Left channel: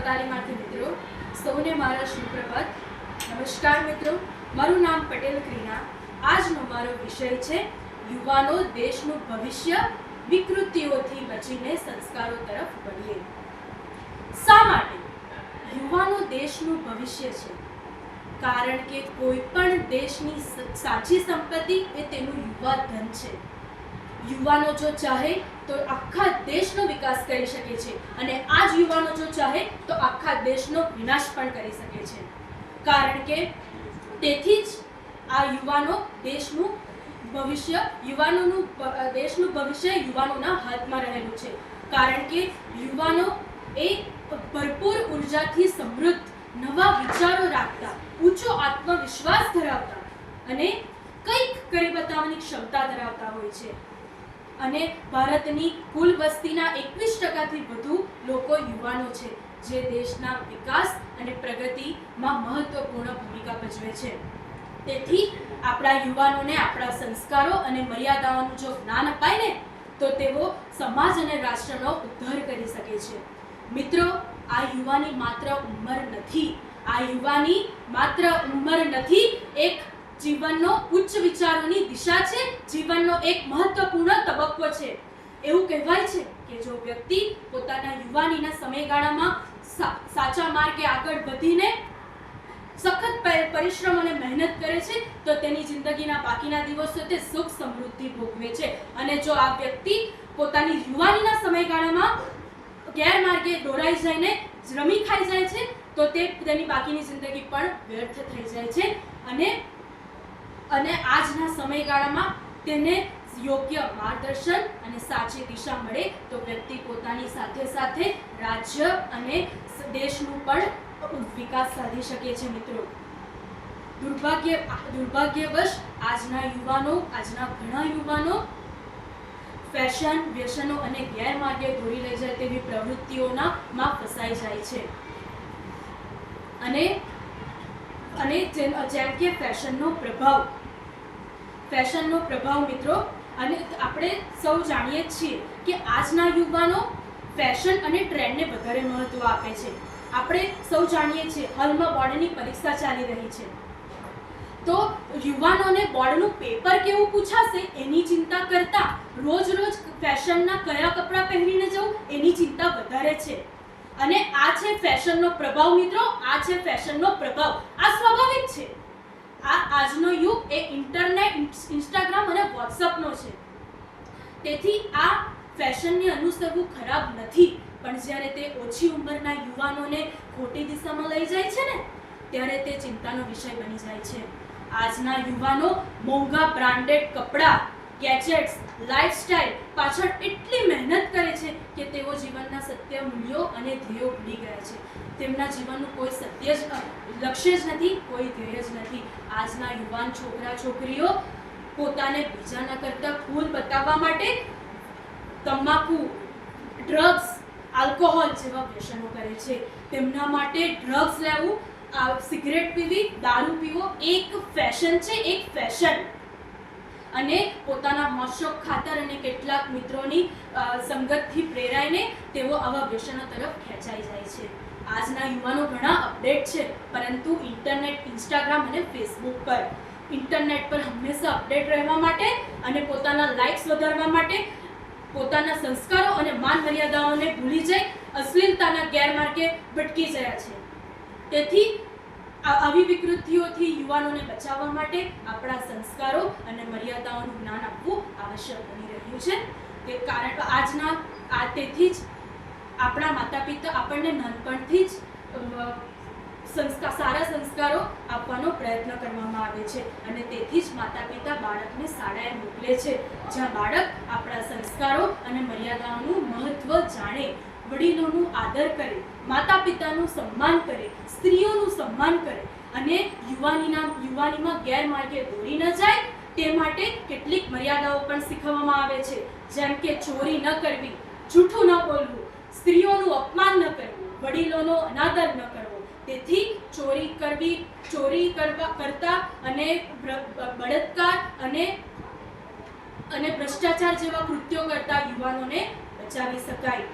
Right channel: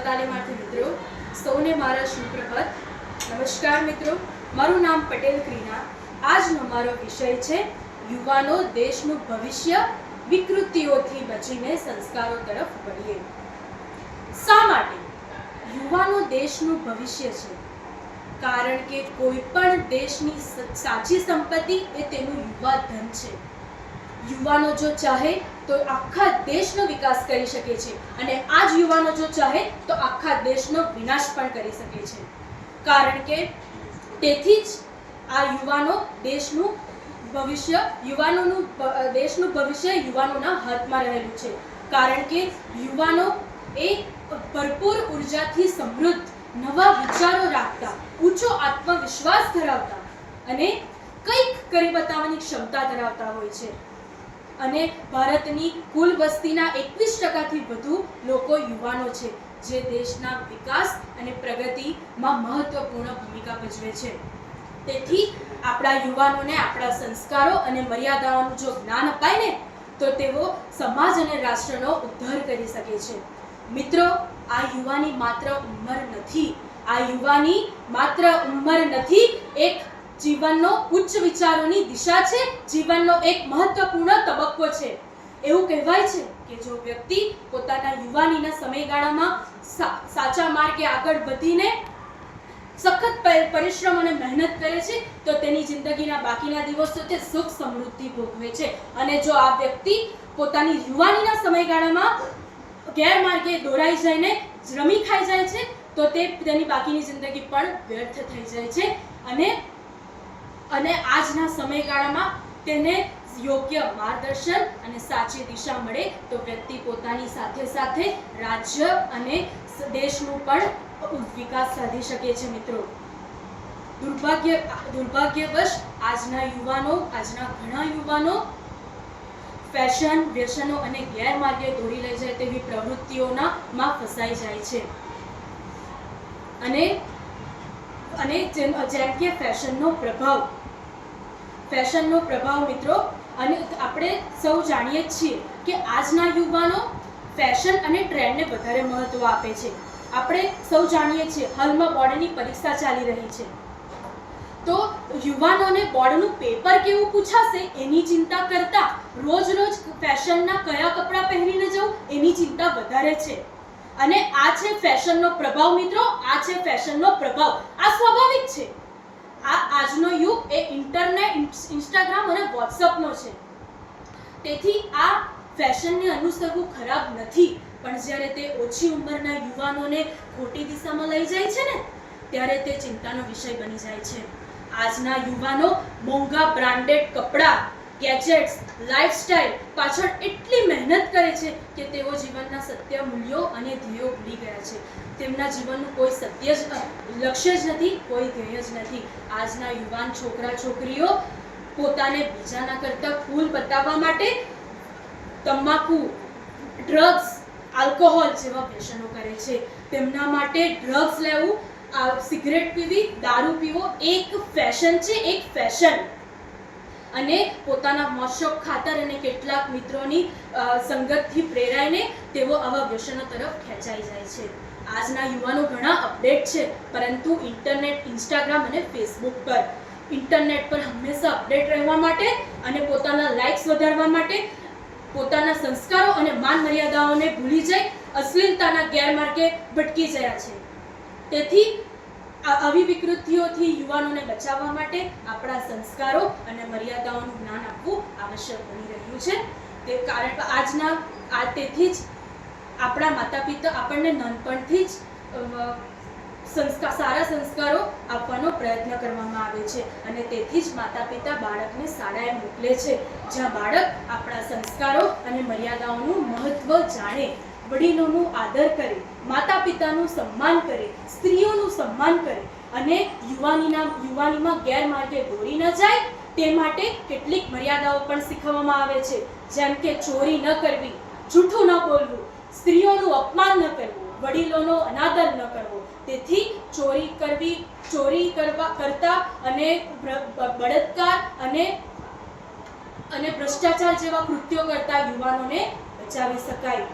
તાલીમાર્થી મિત્રો, સૌને મારા સુપ્રભાત નમસ્કાર મિત્રો, મારું નામ પટેલ ક્રીના. આજનો મારો વિષય છે, યુવાનો દેશનું ભવિષ્ય, વિકૃતિઓથી બચીને સંસ્કારો તરફ વળીએ. શા માટે? યુવાનો દેશનું ભવિષ્ય છે. કારણ કે કોઈ પણ દેશની સાચી સંપત્તિ એ તેનું યુવા ધન છે. યુવાનો જો ચાહે તો આખા દેશનો વિકાસ કરી શકે છે અને આ જ યુવાનો જો ચાહે તો આખા દેશનો વિનાશ પણ કરી શકે છે. કારણ કે તેથી જ આ યુવાનો દેશનું ભવિષ્ય, યુવાનોનું દેશનું ભવિષ્ય યુવાનોના હાથમાં રહેલું છે. કારણ કે યુવાનો એ ભરપૂર ઉર્જાથી સમૃદ્ધ, નવા વિચારો રાખતા, ઊંચો આત્મવિશ્વાસ ધરાવતા અને કંઈક કરી બતાવવાની ક્ષમતા ધરાવતા હોય છે. અને ભારતની કુલ વસ્તીના એકવીસ ટકાથી વધુ લોકો યુવાનો છે, જે દેશના વિકાસ અને પ્રગતિમાં મહત્વપૂર્ણ ભૂમિકા ભજવે છે. તેથી આપણા યુવાનોને આપણા સંસ્કારો અને મર્યાદાઓનું જો જ્ઞાન અપાય ને, તો તેઓ સમાજ અને રાષ્ટ્રનો ઉદ્ધાર કરી શકે છે. મિત્રો, આ યુવાની માત્ર ઉંમર નથી. આ યુવાની માત્ર ઉંમર નથી એક જીવનનો ઉચ્ચ વિચારોની દિશા છે, જીવનનો એક મહત્વપૂર્ણ તબક્કો છે. એવું કહેવાય છે કે જો વ્યક્તિ પોતાના યુવાનીના સમયગાળામાં સાચા માર્ગે આગળ વધીને સખત પરિશ્રમ અને મહેનત કરે છે, તો તેની જિંદગીના બાકીના દિવસો તે સુખ સમૃદ્ધિ ભોગવે છે. અને જો આ વ્યક્તિ પોતાની યુવાનીના સમયગાળામાં ગેરમાર્ગે દોરાઈ જઈને રમી ખાઈ જાય છે, તો તે તેની બાકીની જિંદગી પણ વ્યર્થ થઈ જાય છે. અને અને આજના સમયગાળામાં તેને યોગ્ય માર્ગદર્શન અને સાચી દિશા મળે તો વ્યક્તિ પોતાની સાથે સાથે રાજ્ય અને દેશનું પણ વિકાસ સાધી શકે છે મિત્રો. દુર્ભાગ્ય, દુર્ભાગ્યવશ આજના યુવાનો, આજના ઘણા યુવાનો ફેશન, વ્યસનો અને ગેરમાર્ગે દોરી લઈ જાય તેવી પ્રવૃત્તિઓના માં ફસાઈ જાય છે. અને અને જેમ જેમ કે ફેશનનો પ્રભાવ. ફેશનનો પ્રભાવ મિત્રો, અને આપણે સૌ જાણીએ જ છીએ કે આજના યુવાનો ફેશન અને ટ્રેન્ડને વધારે મહત્વ આપે છે. આપણે સૌ જાણીએ છીએ, હાલમાં બોર્ડની પરીક્ષા ચાલી રહી છે. તો યુવાનોને બોર્ડનું પેપર કેવું પૂછાશે? એની ચિંતા કરતા રોજ રોજ ફેશનના કયા કપડાં પહેરીને જવું? એની ચિંતા વધારે છે. અને આ છે ફેશનનો પ્રભાવ મિત્રો, આ છે ફેશનનો પ્રભાવ. આ સ્વાભાવિક છે. આ આજનો યુગ એ ઇન્ટરનેટ ઇન્સ્ટાગ્રામ અને વોટ્સઅપનો છે. તેથી આ ફેશનને અનુસરવું ખરાબ નથી. પણ જ્યારે તે ઓછી ઉંમરના યુવાનોને ખોટી દિશામાં લઈ જાય છે ને, ત્યારે તે ચિંતાનો વિષય બની જાય છે. આજના યુવાનો મોંઘા બ્રાન્ડેડ કપડાં, ગેજેટ્સ લાઇફસ્ટાઇલ પાછળ એટલી મહેનત કરે છે સત્ય મૂલ્યો અને ધ્યેયો ભૂલી ગયા છે. તેમના જીવનનું કોઈ સત્ય જ લક્ષ્ય જ નથી, કોઈ ધ્યેય જ નથી. આજના યુવાન છોકરા, છોકરીઓ પોતાને બીજાના કરતાં કુલ બતાવવા માટે તમાકુ ડ્રગ્સ આલ્કોહોલ જેવા વ્યસનો કરે છે. તેમના માટે ડ્રગ્સ લેવું સિગરેટ પીવી, દારૂ પીવો, એક ફેશન છે, એક ફેશન અને પોતાના મોશોક ખાતર અને કેટલાક મિત્રોની સંગતથી પ્રેરાઈને તેઓ આવા વ્યસનો તરફ ખેંચાઈ જાય છે. આજના યુવાનો ઘણા અપડેટ છે, પરંતુ ઇન્ટરનેટ, ઇન્સ્ટાગ્રામ અને ફેસબુક પર. ઇન્ટરનેટ પર હંમેશા અપડેટ રહેવા માટે અને પોતાના લાઇક્સ વધારવા માટે પોતાના સંસ્કારો અને માન મર્યાદાઓને ભૂલી જઈ અશ્લીલતાના ગેરમાર્ગે ભટકી ગયા છે. તેથી આ આવી વિકૃતિઓથી યુવાનોને બચાવવા માટે આપણા સંસ્કારો અને મર્યાદાઓનું જ્ઞાન આપવું આવશ્યક બની રહ્યું છે. તે કારણ આજના, આ તેથી જ આપણા માતા પિતા આપણને નાનપણથી જ સંસ્કાર, સારા સંસ્કારો આપવાનો પ્રયત્ન કરવામાં આવે છે અને તેથી જ માતા પિતા બાળકને શાળાએ મોકલે છે, જ્યાં બાળક આપણા સંસ્કારો અને મર્યાદાઓનું મહત્વ જાણે વડીલોનું આદર કરે માતા પિતાનું સન્માન કરે, સ્ત્રીઓનું સન્માન કરે અને યુવાનીના યુવાનીમાં ગેરમાર્ગે દોરી ન જાય, તે માટે કેટલીક મર્યાદાઓ પણ શીખવવામાં આવે છે. જેમ કે ચોરી ન કરવી, જૂઠું ન બોલવું, સ્ત્રીઓનું અપમાન ન કરવું, વડીલોનો અનાદર ન કરવો. તેથી ચોરી કરવી, ચોરી કરવા કરતા અને બળાત્કાર અને અને ભ્રષ્ટાચાર જેવા કૃત્યો કરતા યુવાનોને બચાવી શકાય.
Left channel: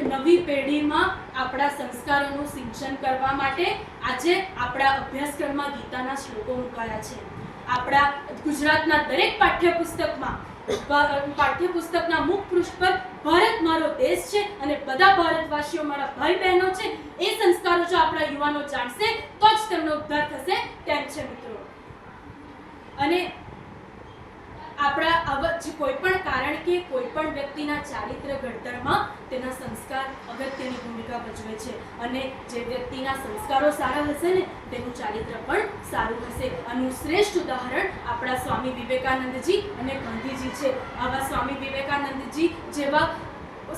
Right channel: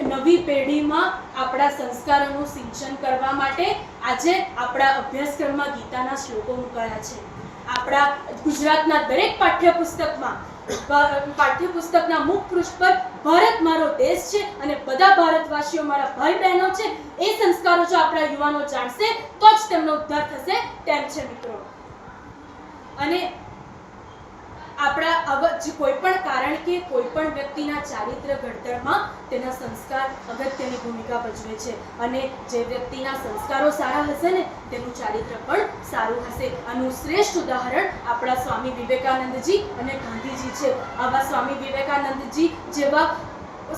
નવી પેઢીમાં આપણા સંસ્કારોનું સિંચન કરવા માટે આજે આપણા અભ્યાસક્રમમાં ગીતાના શ્લોકો મુકાયા છે. આપણા ગુજરાતના દરેક પાઠ્યપુસ્તકમાં પાઠ્યપુસ્તકના મુખ પૃષ્ઠ પર ભારત મારો દેશ છે અને બધા ભારતવાસીઓ મારા ભાઈ બહેનો છે, એ સંસ્કારો જો આપણા યુવાનો જાણશે, તો જ તેમનો ઉદ્ધાર થશે. તેમ છે મિત્રો. અને આપણા કોઈ પણ કારણ કે કોઈ પણ વ્યક્તિના ચારિત્ર ઘડતરમાં તેના સંસ્કાર અગત્યની ભૂમિકા ભજવે છે. અને જે વ્યક્તિના સંસ્કારો સારા હશે ને, તેનું ચારિત્ર પણ સારું હશે. આનું શ્રેષ્ઠ ઉદાહરણ આપણા સ્વામી વિવેકાનંદજી અને ગાંધીજી છે. આવા સ્વામી વિવેકાનંદજી જેવા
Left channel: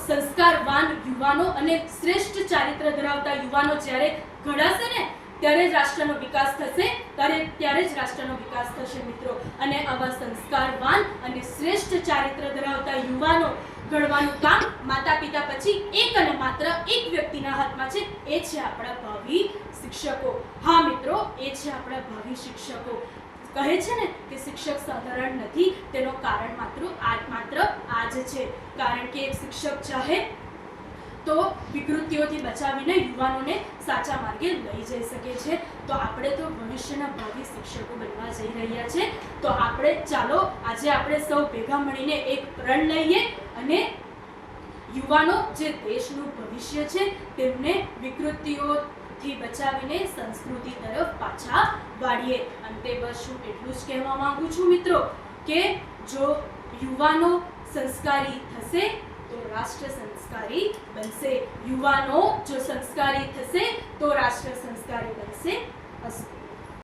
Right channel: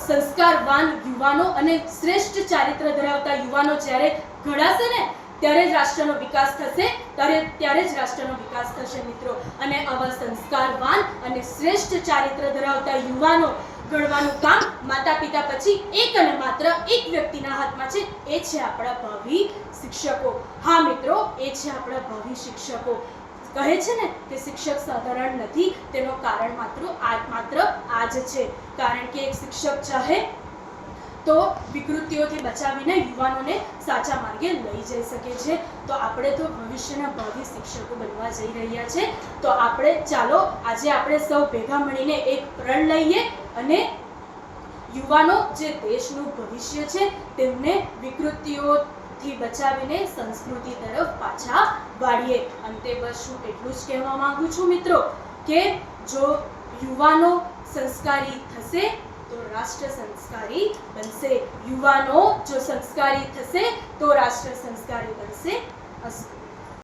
સંસ્કારવાન યુવાનો અને શ્રેષ્ઠ ચારિત્ર ધરાવતા યુવાનો જ્યારે ઘડાશે ને ત્યારે જ રાષ્ટ્રનો વિકાસ થશે, ત્યારે ત્યારે જ રાષ્ટ્રનો વિકાસ થશે મિત્રો. અને આવા સંસ્કારવાન અને શ્રેષ્ઠ ચારિત્ર ધરાવતા યુવાનો ઘડવાનું કામ માતા પિતા પછી એક અને માત્ર એક વ્યક્તિના હાથમાં છે. એ છે આપણા ભાવિ શિક્ષકો. હા મિત્રો, એ છે આપણા ભાવિ શિક્ષકો. કહે છે ને કે શિક્ષક સાધારણ નથી, તેનું કારણ માત્ર આ માત્ર આ જ છે. કારણ કે એક શિક્ષક ચાહે તો વિકૃતિઓથી બચાવીને યુવાનોને સાચા માર્ગે લઈ જઈ શકે છે. તો આપણે તો ભવિષ્યના ભાવિ શિક્ષકો બનવા જઈ રહ્યા છે. તો આપણે ચાલો આજે આપણે સૌ ભેગા મળીને એક પ્રણ લઈએ અને યુવાનો જે દેશનું ભવિષ્ય છે તેમને વિકૃતિઓથી બચાવીને સંસ્કૃતિ તરફ પાછા વાળીએ. અંતે બસ હું એટલું જ કહેવા માંગુ છું મિત્રો કે જો યુવાનો સંસ્કારી થશે તો રાષ્ટ્ર સંસ્કારી બનશે. યુવાનો જો સંસ્કારી થશે તો રાષ્ટ્ર સંસ્કારી બનશે. અસ્તુ.